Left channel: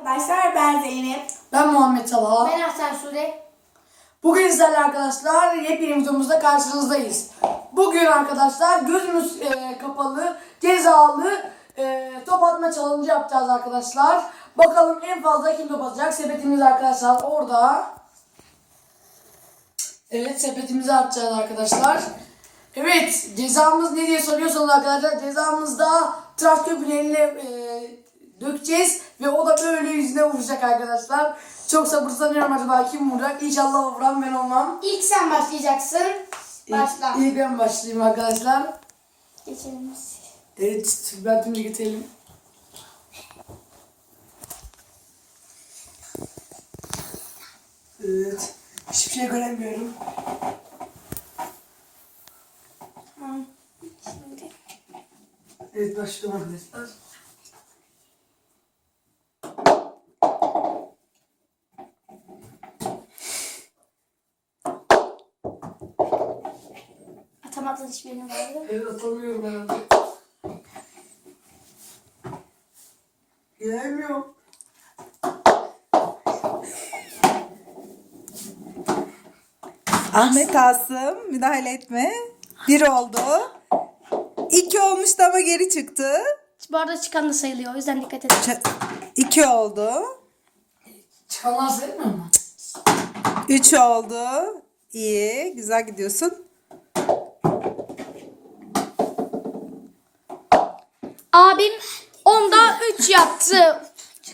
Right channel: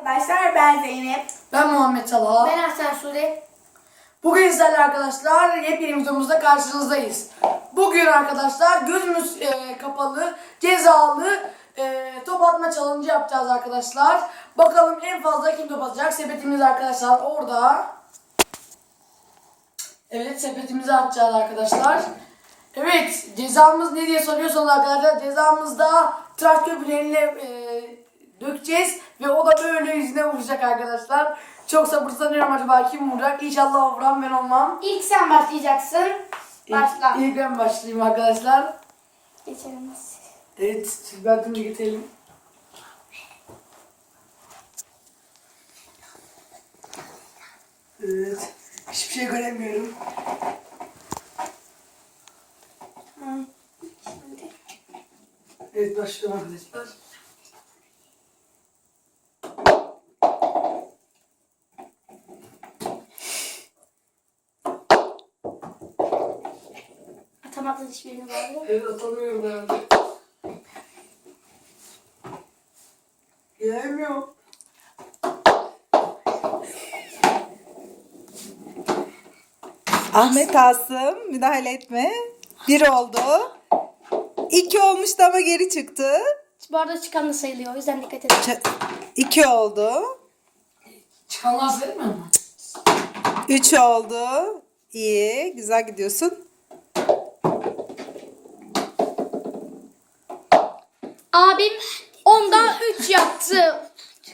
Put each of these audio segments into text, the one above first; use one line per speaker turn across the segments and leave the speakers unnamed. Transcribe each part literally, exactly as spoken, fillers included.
Arkadaşlar ben Zeynep.
Ben Muhammed Talha.
Ben Hasan Sude.
Bugün sizlerle arkadaşlar yepyeni videomuzda karşınızdayız. Bugün arkadaşlar gözümüz e, kapalı, cezalı e, top atma challenge yapacağız arkadaşlar. Bakalım en fazla kim top atacak? Sepetimiz arkadaşlar orada. Evet, sepetimizi atacağız arkadaşlar. Evet, cezamız ne diye soruyorsanız arkadaşlar, cezamızda tıraş köpüğüyle e, dökeceğiz ve o da böyle yüzüne vuracak arkadaşlar. Çok sabırsızlanıyorum, acaba kim vuracak? İnşallah o vuran ben olmam.
İlk sen başlayacaksın. Başla.
İlk, ilk ben başlayayım arkadaşlar.
Geçelim.
Evet, tülbentimi getirelim. Evet, hiçbir şey göremiyorum.
Tamam. Şimdi.
Evet, başlıyorum arkadaşlar.
Atamadın hiçbirini var.
Evet, atamıyorum ben. Göremiyorum.
Ahmet Asım müdahale etme. Bir oldu. İki olmuştu ama geri çıktı.
Bu arada çıkan da sayılıyor. O yüzden dikkat edin.
Ç- İki oldu.
Çıkanlar sevmiyor mu?
Üç oldu. İyi. Güzel gidiyorsun.
Abim onda üç yaptı.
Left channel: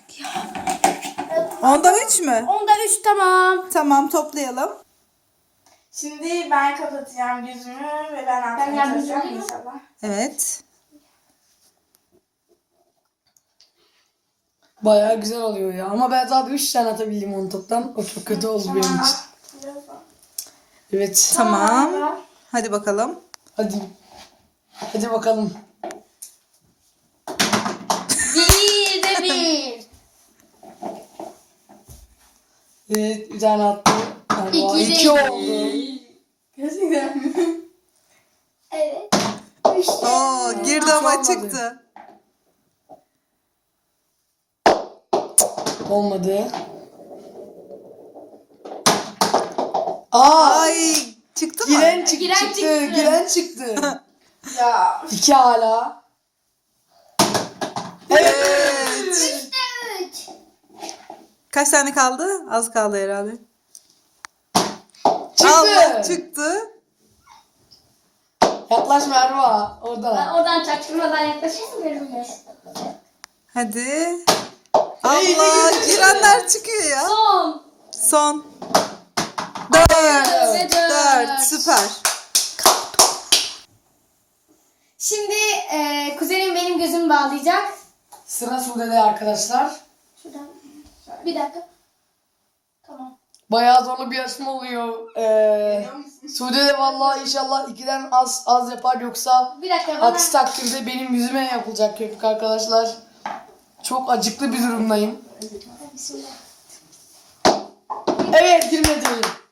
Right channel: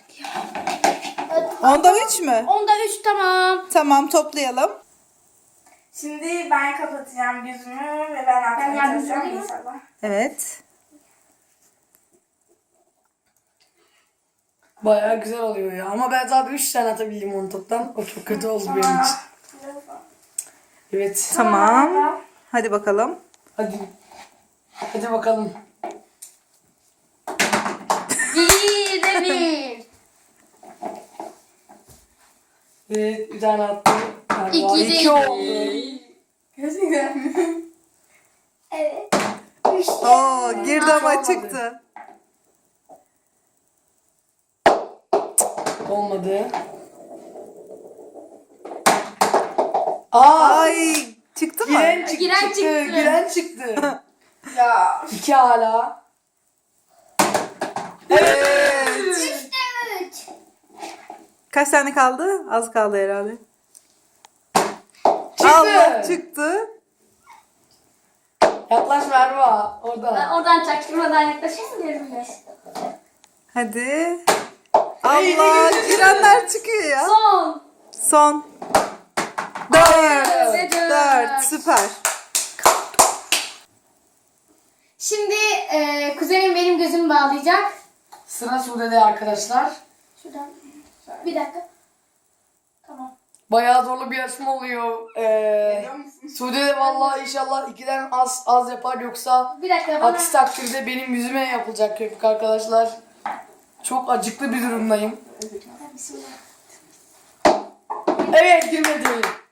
Onda üç mü?
Onda üç tamam.
Tamam, toplayalım.
Şimdi ben kapatacağım gözümü ve ben
Ben
atmaya
yardımcı
çalışacağım
olayım mı?
inşallah.
Evet.
Bayağı güzel oluyor ya. Ama ben zaten üç tane atabildim onu toplam. O çok kötü oldu benim için. Evet.
Tamam. Hadi bakalım.
Hadi. Hadi bakalım.
Bir de bir.
Evet, bir tane attı. Galiba
İki de
iki
iki.
oldu.
Gerçekten mi?
Evet. Üç.
Oo, girdi ama
olmadı.
çıktı.
Olmadı. Aa!
Ay, çıktı mı?
Giren çıktı.
Giren
çıktı.
çıktı.
Giren çıktı.
Ya
İki hala.
Evet.
Üç.
Kaç tane kaldı? Az kaldı herhalde.
Çıktı.
Allah, çıktı.
Yaklaş Merva. Orada.
Oradan çaktırmadan yaklaşırsın gözüme.
Hadi. Allah, girenler çıkıyor ya.
Son.
Son. Dört.
Ve dört.
Dört. Süper.
Şimdi e, kuzenim benim gözümü bağlayacak.
Sıra Sude'de arkadaşlar.
Şuradan. Bir dakika. Tamam.
Bayağı zorlu bir yarışma oluyor. Ee, Sude de vallahi inşallah ikiden az az yapar, yoksa
Bir dakika bana.
aksi takdirde benim yüzüme yapılacak köpük arkadaşlar. Çok acıklı bir durumdayım.
Bismillah.
Evet, girmedi.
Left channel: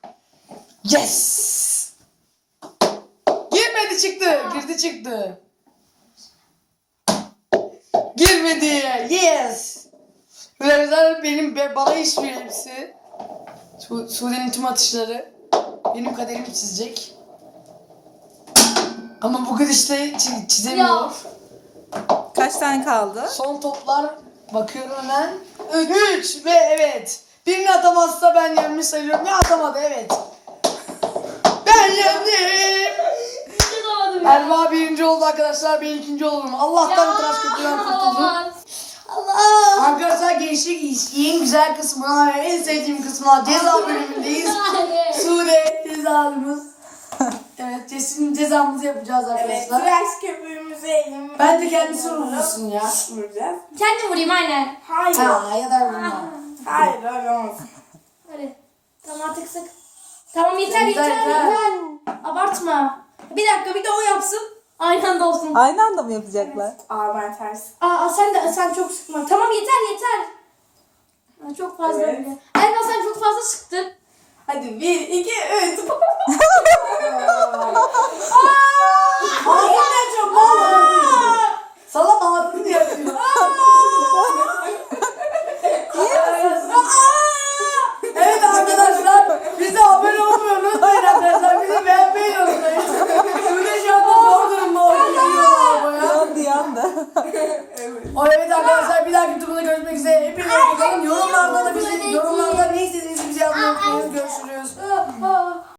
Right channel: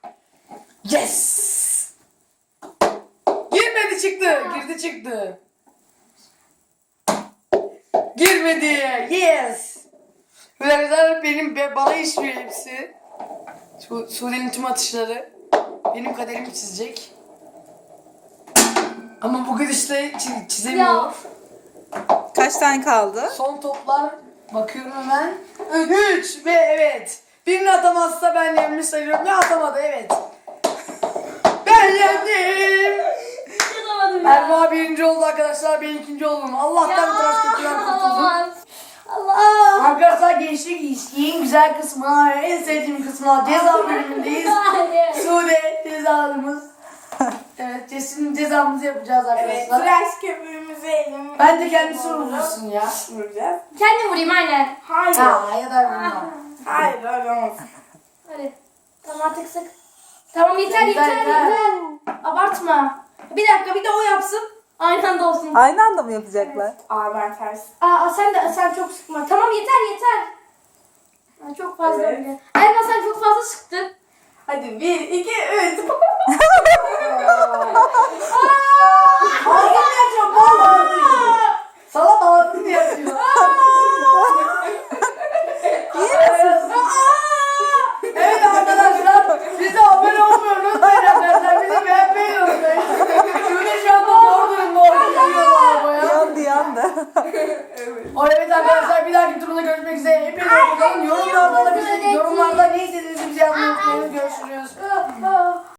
Yes. Girmedi, çıktı. Girdi, çıktı. Girmedi. Yes. Arkadaşlar benim be- bana işliyor hepsi. Su Sude'nin tüm atışları benim kaderimi çizecek. Ama bugün işte çi- çizemiyor.
Ya.
Kaç tane kaldı?
Son toplar bakıyorum hemen. Üç ve evet. Birini atamazsa ben yenmiş sayıyorum ve atamadı, evet. Ben yendim.
Yapamadım ya.
Erva birinci oldu arkadaşlar, ben ikinci oldum. Allah'tan tıraş köpüğünden kurtuldum.
Aman. Allah.
Arkadaşlar gençlik ilişkinin güzel kısmına, en sevdiğim kısmına, ceza bölümündeyiz. Sude cezamız. Evet, cesim cezamızı yapacağız
evet
arkadaşlar.
tıraş köpüğümüzü elim.
Ben de kendisi vurursun ya.
Vuracağız.
Kendim vurayım aynen.
Hayır.
Ha, ya da vurma.
Hayır öyle olmaz.
Hadi. Tamam artık sık. Tamam yeter
Yeter,
yeter
yeter.
yeter. Abartma. Bir dakika bir de o yapsın. Aynı anda olsun.
Aynı anda mı yapacaklar?
Aa ben ters.
Aa sen de sen çok sıkma. Tamam yeter yeter. Aa, çok fazla
Evet.
öyle. Elma sen çok fazla sıktın.
Hadi bir, iki, üç.
Ağzını yapacağım, vallahi. Salak ağzını yapıyor.
İyi
O evet arkadaşlar bir dahaki turda görüşmek üzere. Hepinize hoşçakalın. Yorumlarda da bizi, yorumlarda ne istediğinizi bize yazmayı unutmayın. Görüşürüz.